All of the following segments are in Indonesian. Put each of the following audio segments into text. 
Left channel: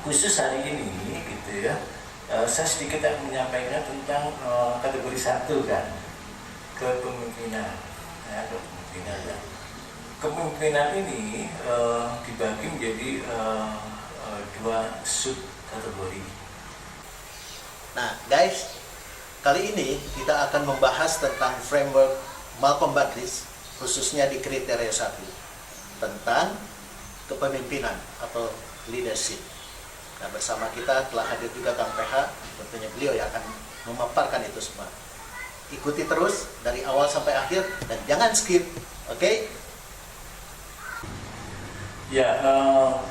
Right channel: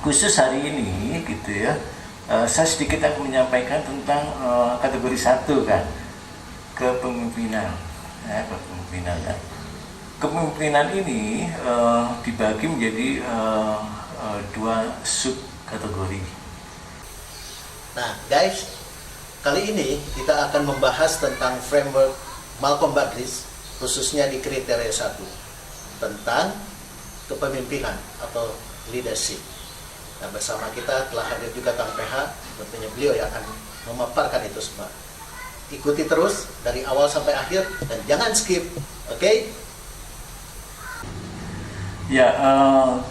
khusus hari ini gitu ya, saya sedikit akan menyampaikan tentang kategori 1 kan, kepemimpinan. Ya, kepemimpinan. Ya. Kepemimpinan ini dibagi menjadi 2 sub kategori. Nah, guys, kali ini kita akan membahas tentang framework Malcolm Baldrige, khususnya di kriteria 1, tentang kepemimpinan atau leadership. Nah, bersama kita telah hadir juga Kang PH, tentunya beliau yang akan memaparkan itu semua. Ikuti terus dari awal sampai akhir dan jangan skip, oke? Ya,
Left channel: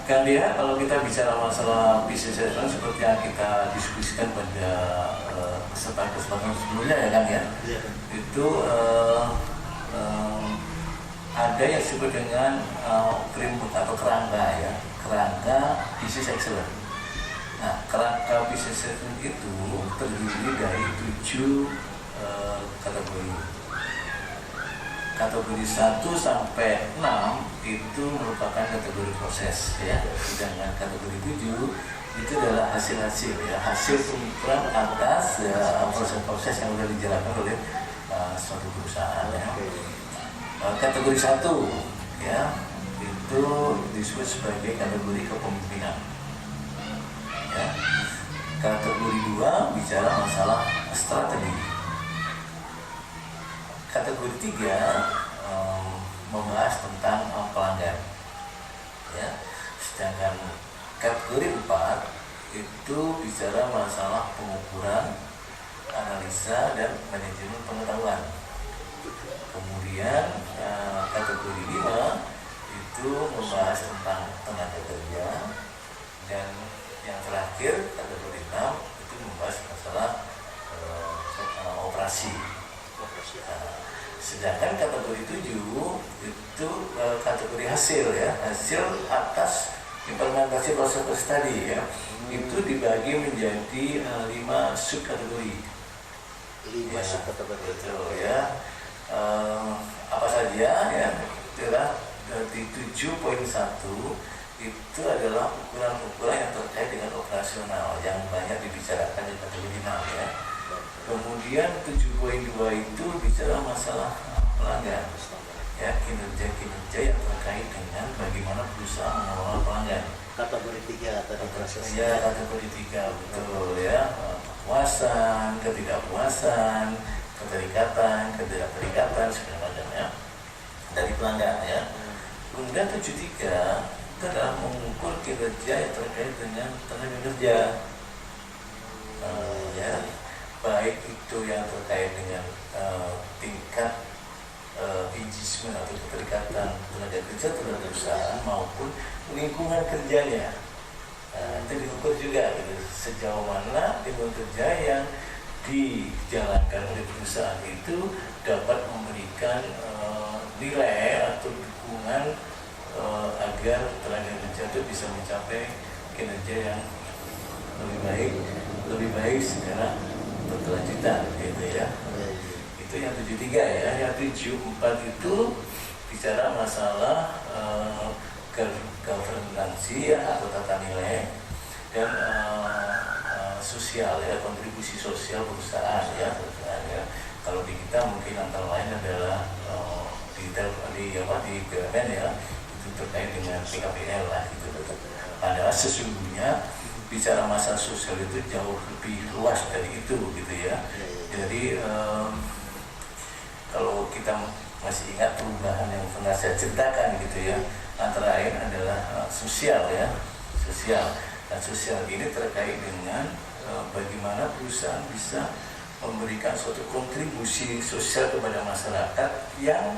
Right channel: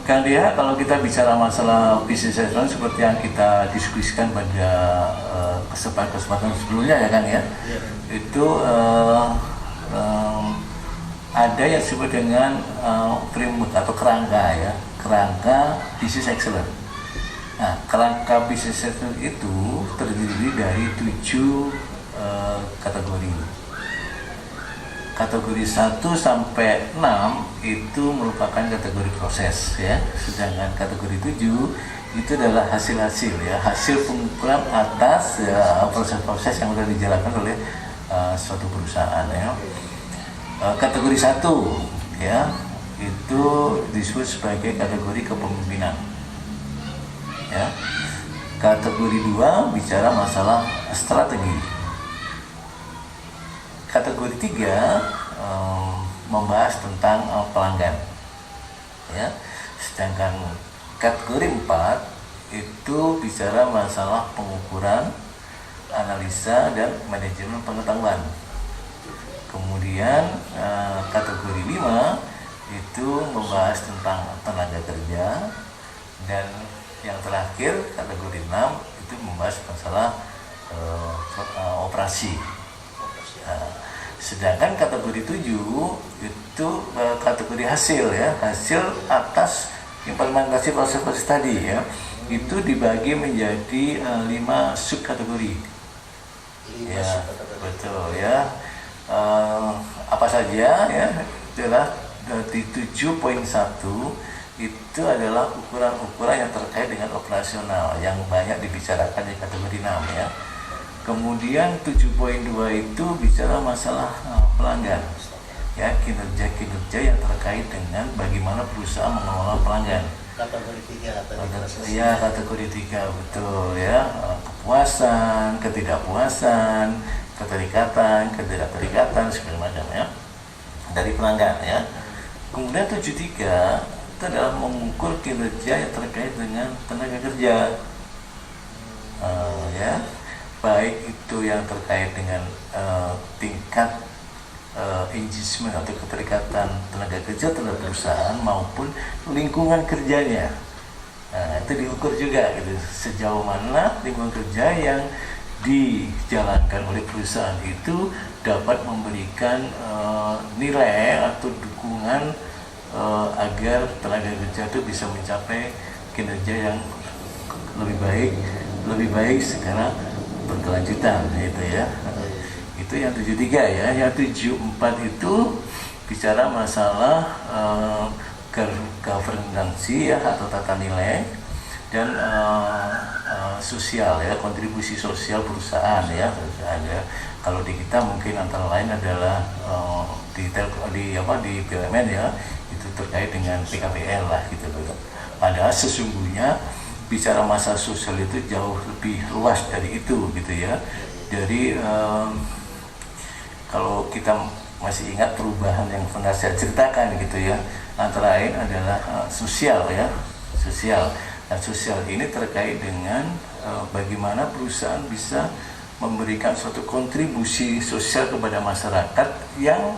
Kang Dia, kalau kita bicara masalah business assessment seperti yang kita diskusikan pada kesempatan sebelumnya ya kan ya, itu ada yang disebut dengan framework atau kerangka ya, kerangka business excellence. Nah, kerangka business assessment itu terdiri dari 7 kategori. Kategori 1 sampai 6 itu merupakan kategori proses ya. Sedangkan kategori 7 itu adalah hasil-hasil ya, hasil pengukuran atas ya, proses-proses yang sudah dijalankan oleh suatu perusahaan ya. Kategori 1 ya, itu disebut sebagai kategori kepemimpinan. Ya. Kategori 2 bicara masalah strategi. Kategori 3 membahas tentang pelanggan. Ya. Sedangkan kategori 4 itu bicara masalah pengukuran, analisa dan manajemen pengetahuan. Kemudian kategori 5 itu membahas tentang tenaga kerja, dan yang terakhir kategori 6 itu membahas masalah operasi. Sedangkan kategori 7 itu kategori hasil ya, hasil atas implementasi proses-proses tadi ya. Itu dibagi menjadi 5 subkategori. 5 Ya, subkategori. betul ya. Apa saja ya, adalah di 7.1 itu adalah ukuran-ukuran yang terkait dengan operasional yang banyak dibicarakan di kategori 6 ya. Kemudian 7.2 itu bicara masalah pelanggan ya, kinerja-kinerja yang terkait dengan bagaimana perusahaan mengelola pelanggan. Kategori 3 tadi proses. Ya, kategori 3 betul ya. Kepuasan, ketidakpuasan, keterikatan, ketidakterikatan segala macam ya dari pelanggan ya. Kemudian 73 itu adalah mengukur kinerja yang terkait dengan tenaga kerja. Ya, baik itu yang terkait dengan tingkat engagement atau keterikatan tenaga kerja terhadap perusahaan maupun lingkungan kerjanya. Nah, itu diukur juga gitu, sejauh mana lingkungan kerja yang dijalankan oleh perusahaan itu dapat memberikan nilai atau dukungan agar tenaga kerja itu bisa mencapai kinerja yang lebih baik secara berkelanjutan gitu ya. Itu yang 73 ya. Yang 74 itu bicara masalah governance ya, atau tata nilai dan sosial ya, kontribusi sosial perusahaan ya. Kalau di kita mungkin antara lain adalah di BUMN ya, itu terkait dengan PKPL lah gitu. Padahal sesungguhnya bicara masalah sosial itu jauh lebih luas dari itu gitu ya. Jadi kalau kita masih ingat perubahan yang pernah saya ceritakan gitu ya, antara lain adalah sosial ya, sosial. Dan sosial ini terkait dengan bagaimana perusahaan bisa memberikan suatu kontribusi sosial kepada masyarakat yang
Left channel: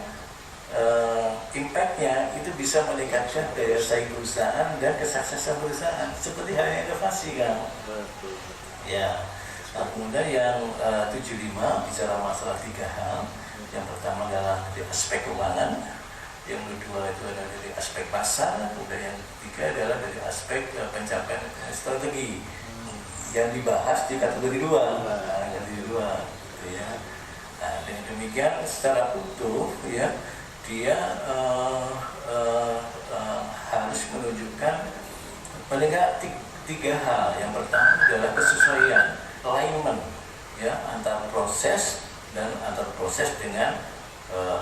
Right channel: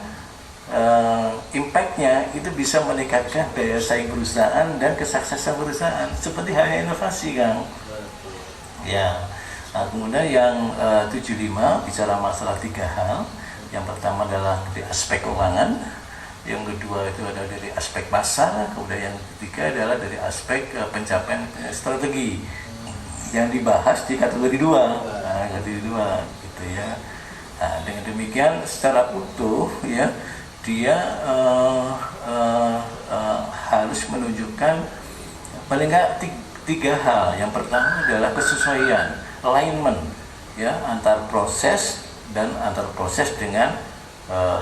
impact-nya itu bisa meningkatkan daya saing perusahaan dan kesuksesan perusahaan, seperti halnya inovasi kan. Ya. Nah, kemudian yang 75 bicara masalah 3 hal. Yang pertama adalah dari aspek keuangan, yang kedua itu adalah dari aspek pasar, kemudian yang ketiga adalah dari aspek pencapaian strategi yang dibahas di kategori 2. Nah, kategori 2 gitu ya. Nah, dengan demikian secara utuh ya, dia harus menunjukkan paling nggak tiga hal. Yang pertama adalah kesesuaian, alignment, ya, antar proses dan antar proses dengan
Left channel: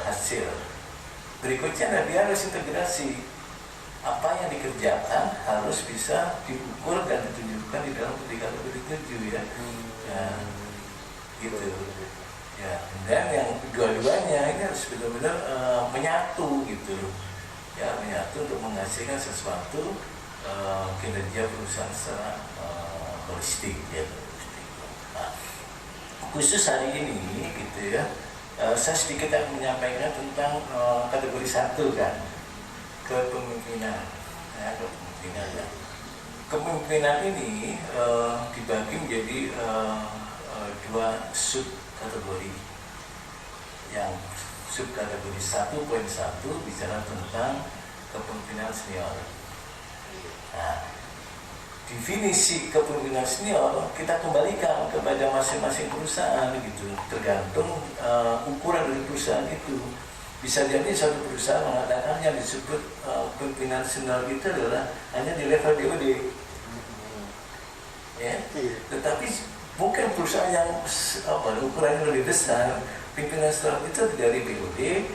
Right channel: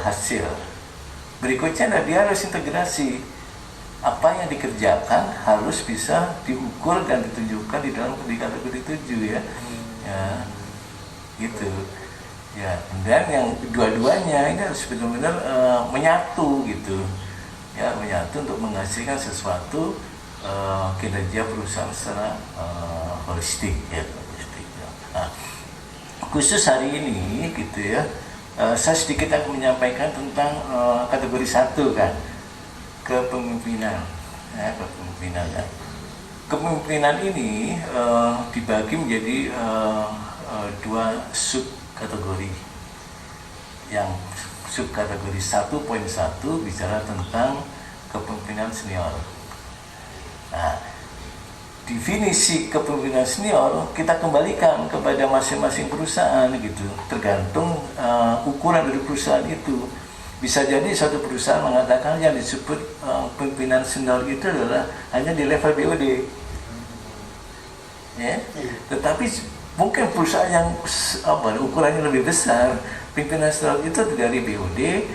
hasil. Berikutnya adalah dia harus integrasi. Apa yang dikerjakan harus bisa diukur dan ditunjukkan di dalam kategori 7 ya. Ya, gitu. Ya, dan yang kedua-duanya ini harus benar-benar menyatu gitu. Ya, menyatu untuk menghasilkan sesuatu kinerja perusahaan secara holistik ya. Nah, khusus hari ini gitu ya, saya sedikit akan menyampaikan tentang kategori 1 kan, kepemimpinan. Ya, kepemimpinan. Ya. Kepemimpinan ini dibagi menjadi 2 sub kategori. Yang sub kategori 1.1 bicara tentang kepemimpinan senior. Nah, definisi kepemimpinan senior kita kembalikan kepada masing-masing perusahaan gitu, tergantung ukuran dari perusahaan itu. Bisa jadi suatu perusahaan mengatakan yang disebut pimpinan senior itu adalah hanya di level BOD, ya. Tetapi mungkin perusahaan yang ukurannya lebih besar, pimpinan senior itu dari BOD,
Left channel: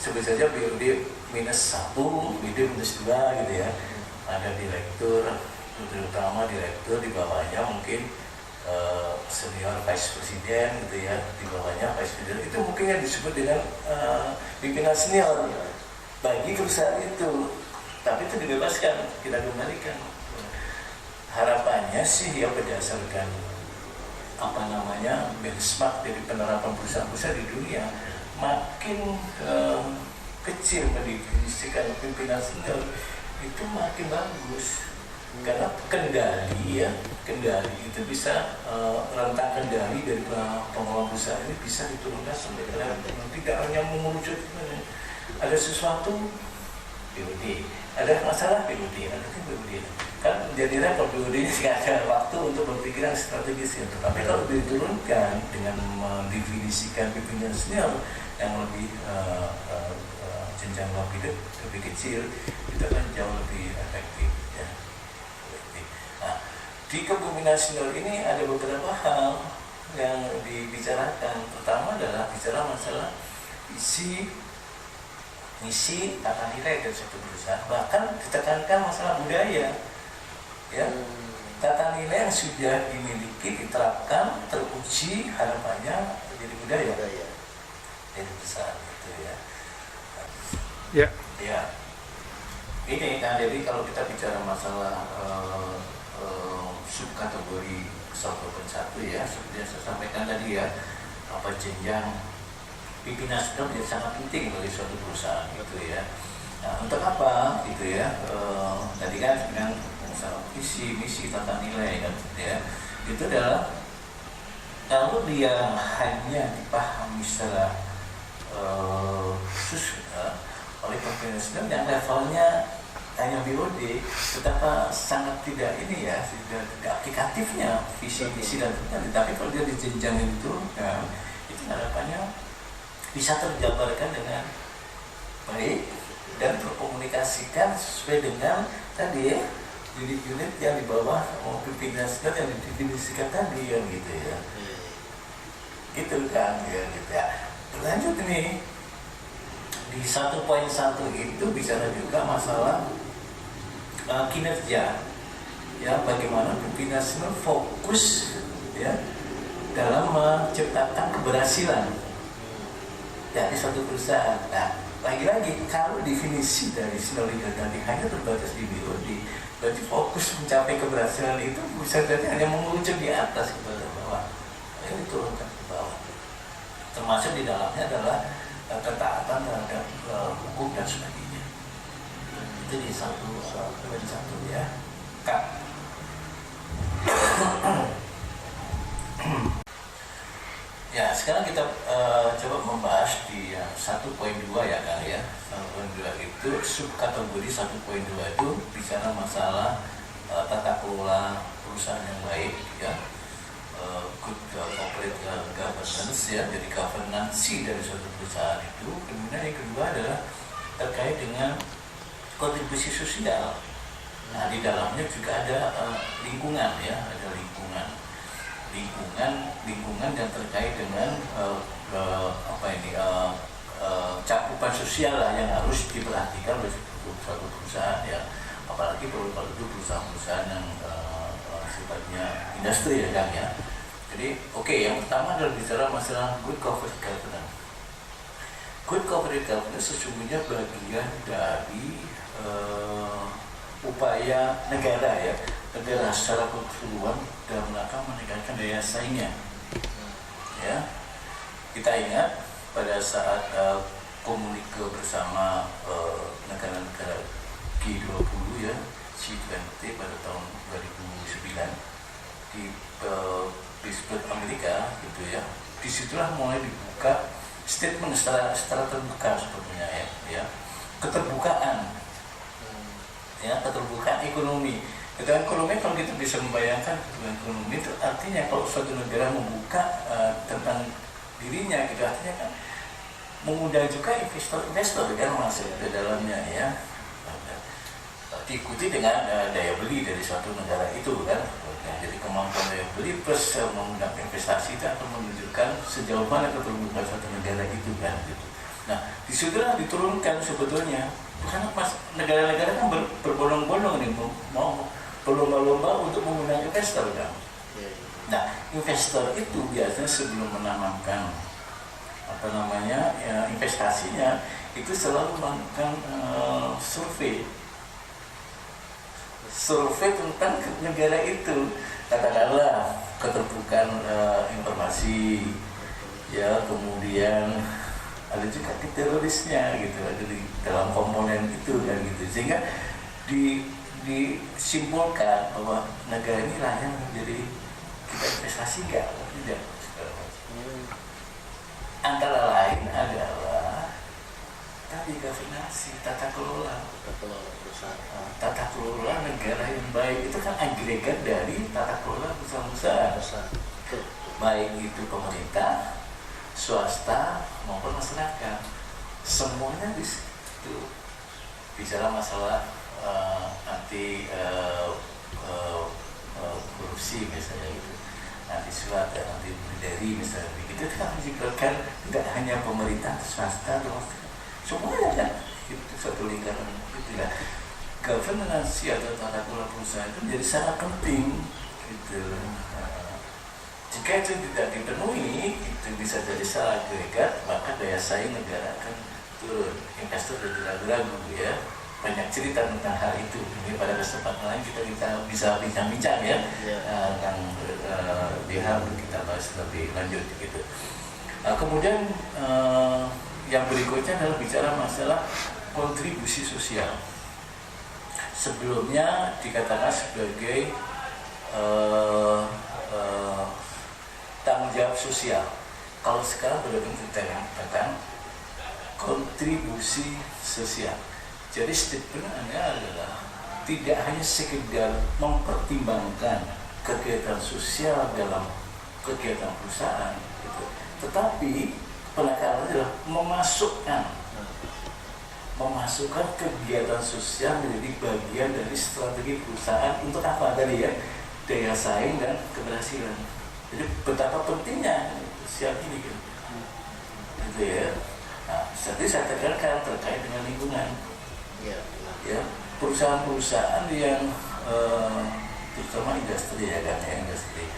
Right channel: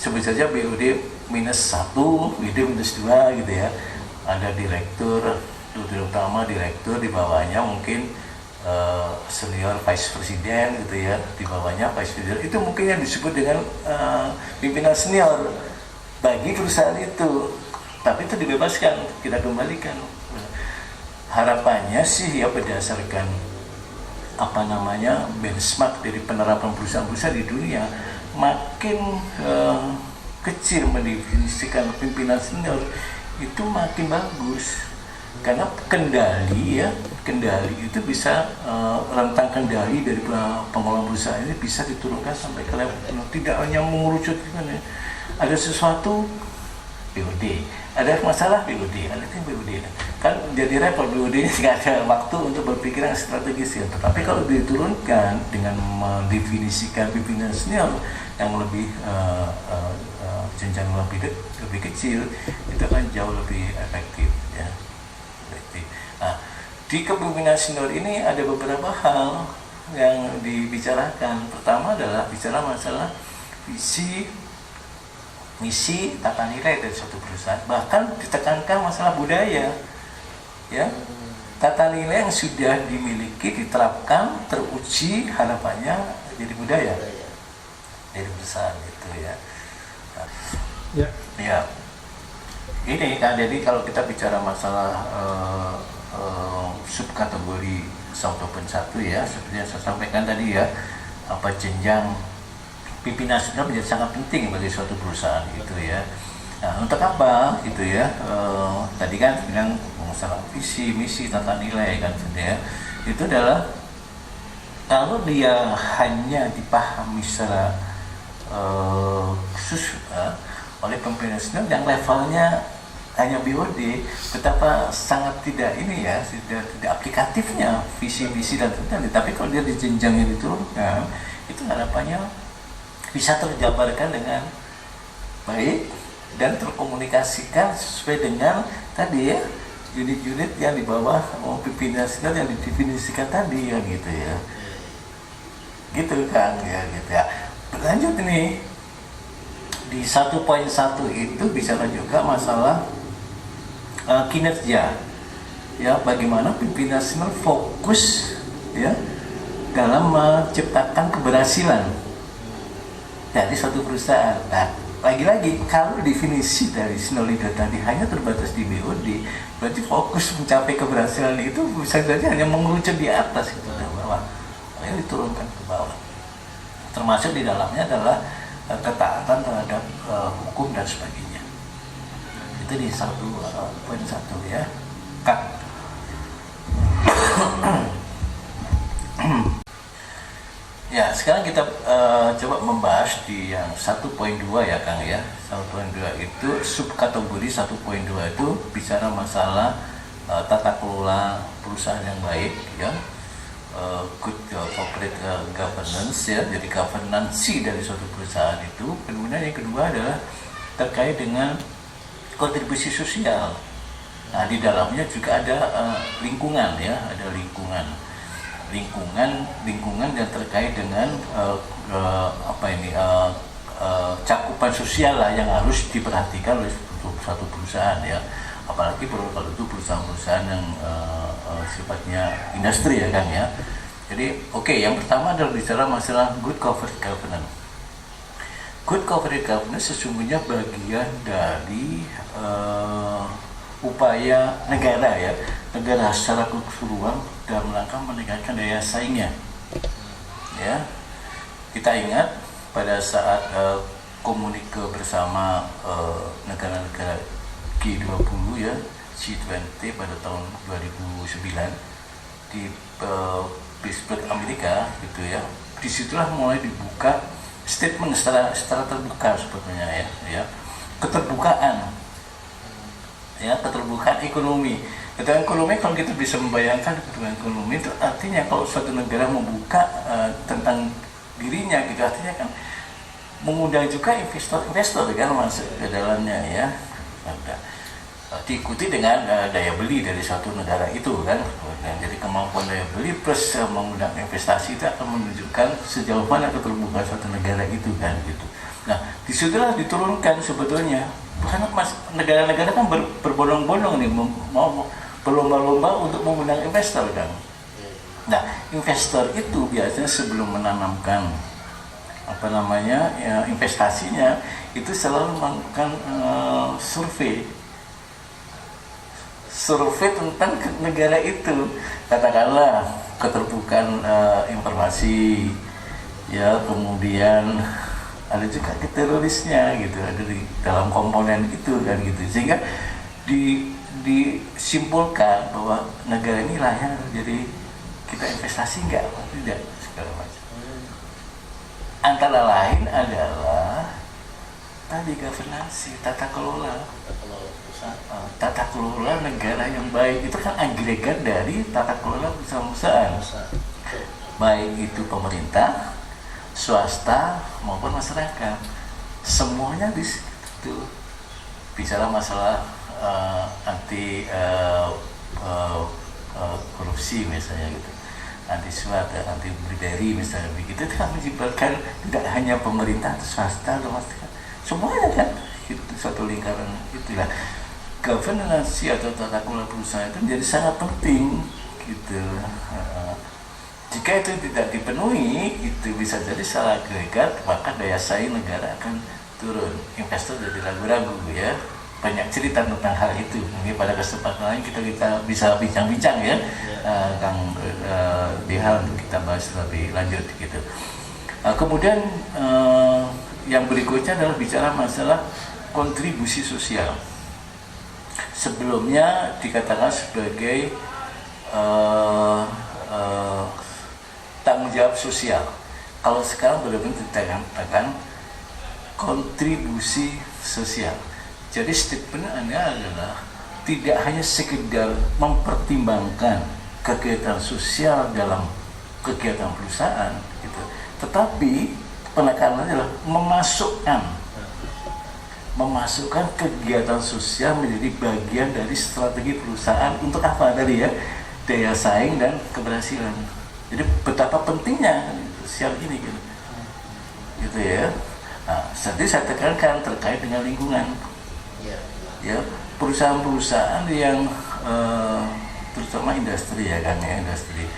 sebut saja BOD -1, BOD -2 gitu ya. Ada direktur utama, direktur di bawahnya mungkin senior vice presiden gitu ya, di bawahnya vice presiden. Itu mungkin yang disebut dengan pimpinan senior bagi perusahaan itu. Tapi itu dibebaskan, kita kembalikan. Harapannya sih ya berdasarkan benchmark dari penerapan perusahaan-perusahaan di dunia, makin kecil mendefinisikan pimpinan senior itu makin bagus. Karena kendali itu bisa rentang kendali dari pengelola perusahaan ini bisa diturunkan sampai ke level tidak hanya mengerucut ada sesuatu BOD, ada masalah BOD, ada tim BOD kan jadi repot. BOD ini nggak ada waktu untuk berpikir yang strategis ya. Tetapi kalau diturunkan dengan mendefinisikan pimpinan senior yang lebih jenjang lebih kecil, itu akan jauh lebih efektif ya. Nah, di kepemimpinan senior ini ada beberapa hal yang dibicarakan. Pertama adalah bicara masalah visi, misi, tata nilai dari suatu perusahaan. Bahkan ditekankan masalah budaya, ya. Tata nilai yang sudah dimiliki, diterapkan, teruji, harapannya jadi budaya dari perusahaan itu ya. Nah, ya. Ini kan, jadi kalau kita bicara masalah subkategori 1.1 ya, seperti yang saya sampaikan tadi ya, apa jenjang pimpinan senior menjadi sangat penting bagi suatu perusahaan gitu ya. Nah, untuk apa gitu ya? Tadi kan bilang masalah visi, misi, tata nilai kan gitu ya. Itu adalah kalau dia hanya dipahami secara khusus oleh pimpinan senior yang levelnya hanya BOD, betapa sangat tidak ini ya, tidak aplikatifnya visi-misi dan tata. Tapi kalau dia dijenjang yang diturunkan, itu harapannya bisa terjabarkan dengan baik dan terkomunikasikan sesuai dengan tadi ya, unit-unit yang di bawah pimpinan senior yang didefinisikan tadi ya gitu ya. Gitu kan ya gitu ya. Berlanjut nih di 1.1 itu bicara juga masalah kinerja ya, bagaimana pimpinan senior fokus ya dalam menciptakan keberhasilan dari suatu perusahaan. Nah, lagi-lagi kalau definisi dari senior leader tadi hanya terbatas di BOD, berarti fokus mencapai keberhasilan itu bisa saja hanya mengerucut di atas gitu ke bawah. Ini diturunkan ke bawah. Termasuk di dalamnya adalah ketaatan terhadap hukum dan sebagainya. Itu di 1.1 ya. Ya, sekarang kita coba membahas di yang 1.2 ya Kang ya. 1.2 itu subkategori 1.2 itu bicara masalah tata kelola perusahaan yang baik ya. Good corporate governance ya, jadi governance dari suatu perusahaan itu. Kemudian yang kedua adalah terkait dengan kontribusi sosial Nah, di dalamnya juga ada lingkungan ya, ada lingkungan yang terkait dengan cakupan sosial lah yang harus diperhatikan oleh suatu perusahaan ya, apalagi kalau itu perusahaan-perusahaan yang sifatnya industri ya kan ya. Jadi yang pertama adalah bicara masalah good corporate governance. Good corporate governance sesungguhnya bagian dari upaya negara secara keseluruhan dalam rangka meningkatkan daya saingnya. Ya, kita ingat pada saat komunike bersama negara-negara G20 ya, G20 pada tahun 2009 di Pittsburgh, Amerika gitu ya. Disitulah mulai dibuka statement secara terbuka sebetulnya ya, keterbukaan ekonomi. Keterbukaan ekonomi, kalau kita bisa membayangkan keterbukaan ekonomi itu artinya kalau suatu negara membuka tentang dirinya gitu, artinya kan mengundang juga investor kan masuk ke dalamnya ya. Diikuti dengan daya beli dari suatu negara itu kan. Jadi kemampuan daya beli plus mengundang investasi itu akan menunjukkan sejauh mana keterbukaan suatu negara itu kan gitu. Nah, disitulah diturunkan sebetulnya, karena negara-negara kan berbondong-bondong nih mau berlomba-lomba untuk mengundang investor kan. Nah, investor itu biasanya sebelum menanamkan investasinya itu selalu melakukan survei tentang negara itu, katakanlah keterbukaan informasi ya, kemudian ada juga terorisnya gitu, ada di dalam komponen itu kan gitu, sehingga disimpulkan bahwa negara ini layak jadi kita investasi tidak segala macam. Antara lain adalah tadi governance, tata kelola negara yang baik itu kan agregat dari tata kelola perusahaan, baik itu pemerintah, swasta maupun masyarakat, semuanya di situ. Bicara masalah anti korupsi misalnya gitu, anti suap, anti bribery misalnya begitu, itu kan melibatkan tidak hanya pemerintah atau swasta atau masyarakat, semuanya kan itu satu lingkaran itulah. Governance atau tata kelola perusahaan itu menjadi sangat penting gitu. Jika itu tidak dipenuhi, itu bisa jadi salah agregat, maka daya saing negara akan turun. Investor jadi ragu-ragu ya. Banyak cerita tentang hal itu. Mungkin pada kesempatan lain kita bisa bincang-bincang ya, Kang Diha, untuk kita bahas lebih lanjut gitu. Kemudian yang berikutnya adalah bicara masalah kontribusi sosial. Sebelumnya dikatakan sebagai tanggung jawab sosial. Kalau sekarang benar-benar dikatakan kontribusi sosial. Jadi statementnya adalah tidak hanya sekedar mempertimbangkan kegiatan sosial dalam kegiatan perusahaan, gitu, tetapi penekanannya adalah memasukkan kegiatan sosial menjadi bagian dari strategi perusahaan untuk apa tadi ya, daya saing dan keberhasilan. Jadi betapa pentingnya sosial ini gitu ya. Nah, tadi saya tekankan terkait dengan lingkungan. Ya, perusahaan-perusahaan yang terutama industri ya kan ya, industri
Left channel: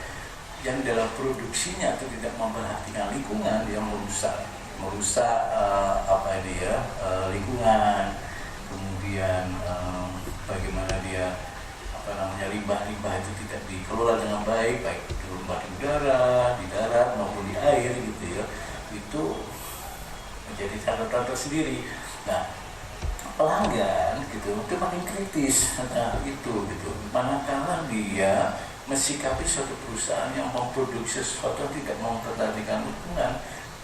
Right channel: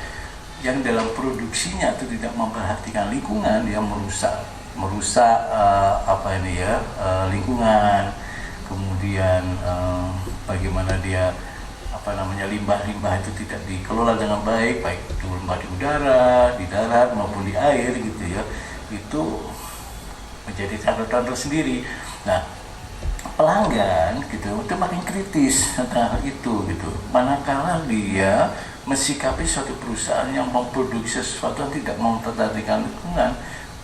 yang dalam produksinya itu tidak memperhatikan lingkungan, dia merusak lingkungan, kemudian bagaimana dia limbah-limbah itu tidak dikelola dengan baik di udara, di darat maupun di air gitu ya, itu menjadi catatan tersendiri. Nah, pelanggan gitu itu makin kritis tentang itu gitu, manakala dia mensikapi suatu perusahaan yang memproduksi sesuatu yang tidak memperhatikan lingkungan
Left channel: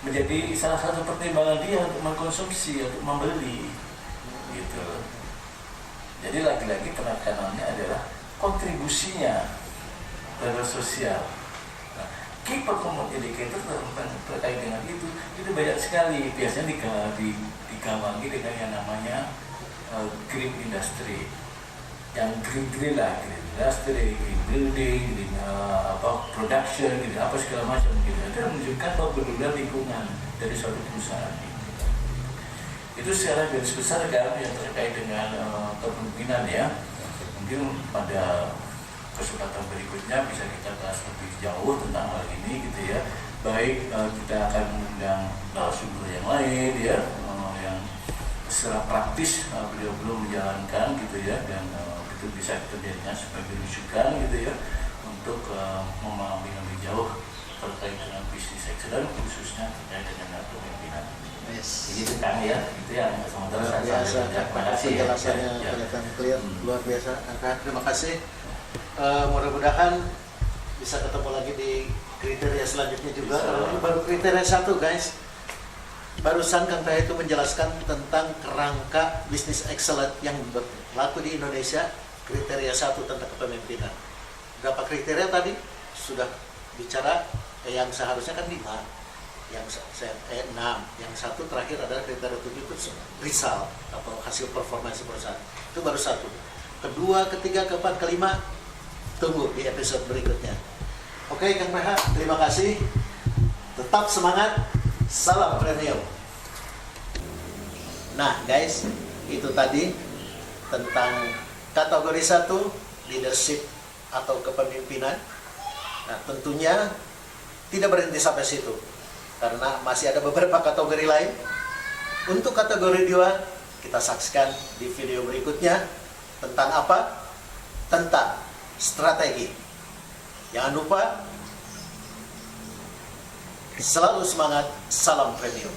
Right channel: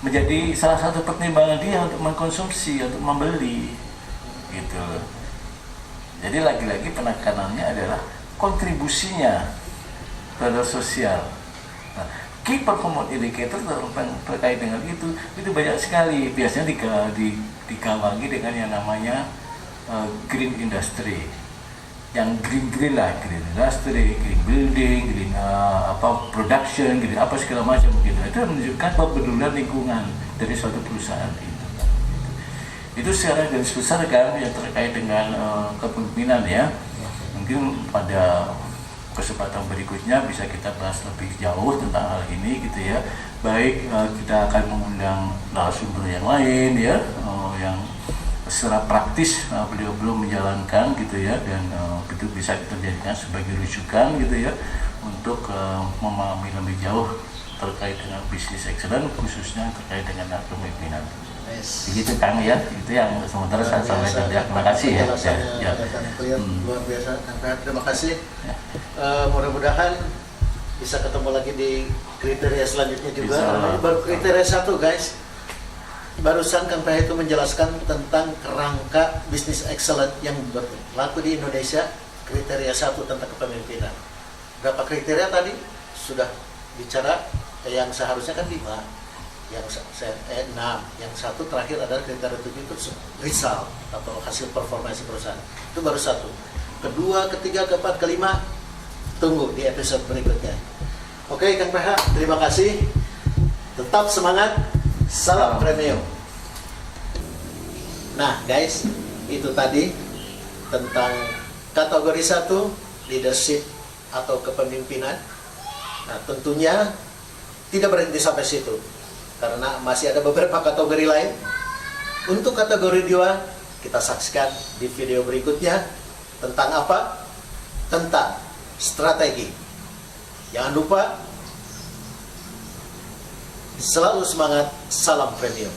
menjadi salah satu pertimbangan dia untuk mengkonsumsi, untuk membeli gitu. Jadi lagi-lagi penekanannya adalah kontribusinya terhadap sosial. Nah, key performance indicator terkait dengan itu banyak sekali, biasanya digawangi dengan yang namanya green industry. yang green lah, green industry, green building, green production, green apa segala macam gitu. Itu menunjukkan kepedulian lingkungan dari suatu perusahaan itu. Itu secara garis besar kan yang terkait dengan kepemimpinan ya. Mungkin pada kesempatan berikutnya bisa kita bahas lebih jauh tentang hal ini gitu ya. Baik kita akan mengundang narasumber yang lain ya, yang secara praktis beliau belum menjalankan gitu ya, dan itu bisa kita jadikan sebagai rujukan gitu ya untuk memahami lebih jauh terkait dengan bisnis excellence, khususnya terkait dengan kepemimpinan. Yes. Begitu Kang ya, itu yang sementara saya sampaikan. Ya, terima kasih ya. Clear, luar biasa. Terima kasih. Mudah-mudahan bisa ketemu lagi di kriteria selanjutnya juga. Ini baru kriteria 1 guys. Barusan Kang Pah itu menjelaskan tentang kerangka bisnis excellent yang berlaku di Indonesia. Kriteria 1 tentang kepemimpinan. Berapa kriteria tadi? Sudah bicara yang seharusnya kan 5. Yang 6, yang 1 terakhir adalah kriteria 7 itu result atau hasil performance perusahaan. Itu baru 1. Kedua, ketiga, keempat, kelima tunggu di episode berikutnya. Oke Kang PH, terima kasih. Tetap semangat. Salam premium. Nah guys, itu tadi tentang kategori 1 leadership atau kepemimpinan. Nah tentunya tidak berhenti sampai situ, karena masih ada beberapa kategori lain. Untuk kategori 2 kita saksikan di video berikutnya. Tentang apa? Tentang strategi. Jangan lupa selalu semangat, salam premium.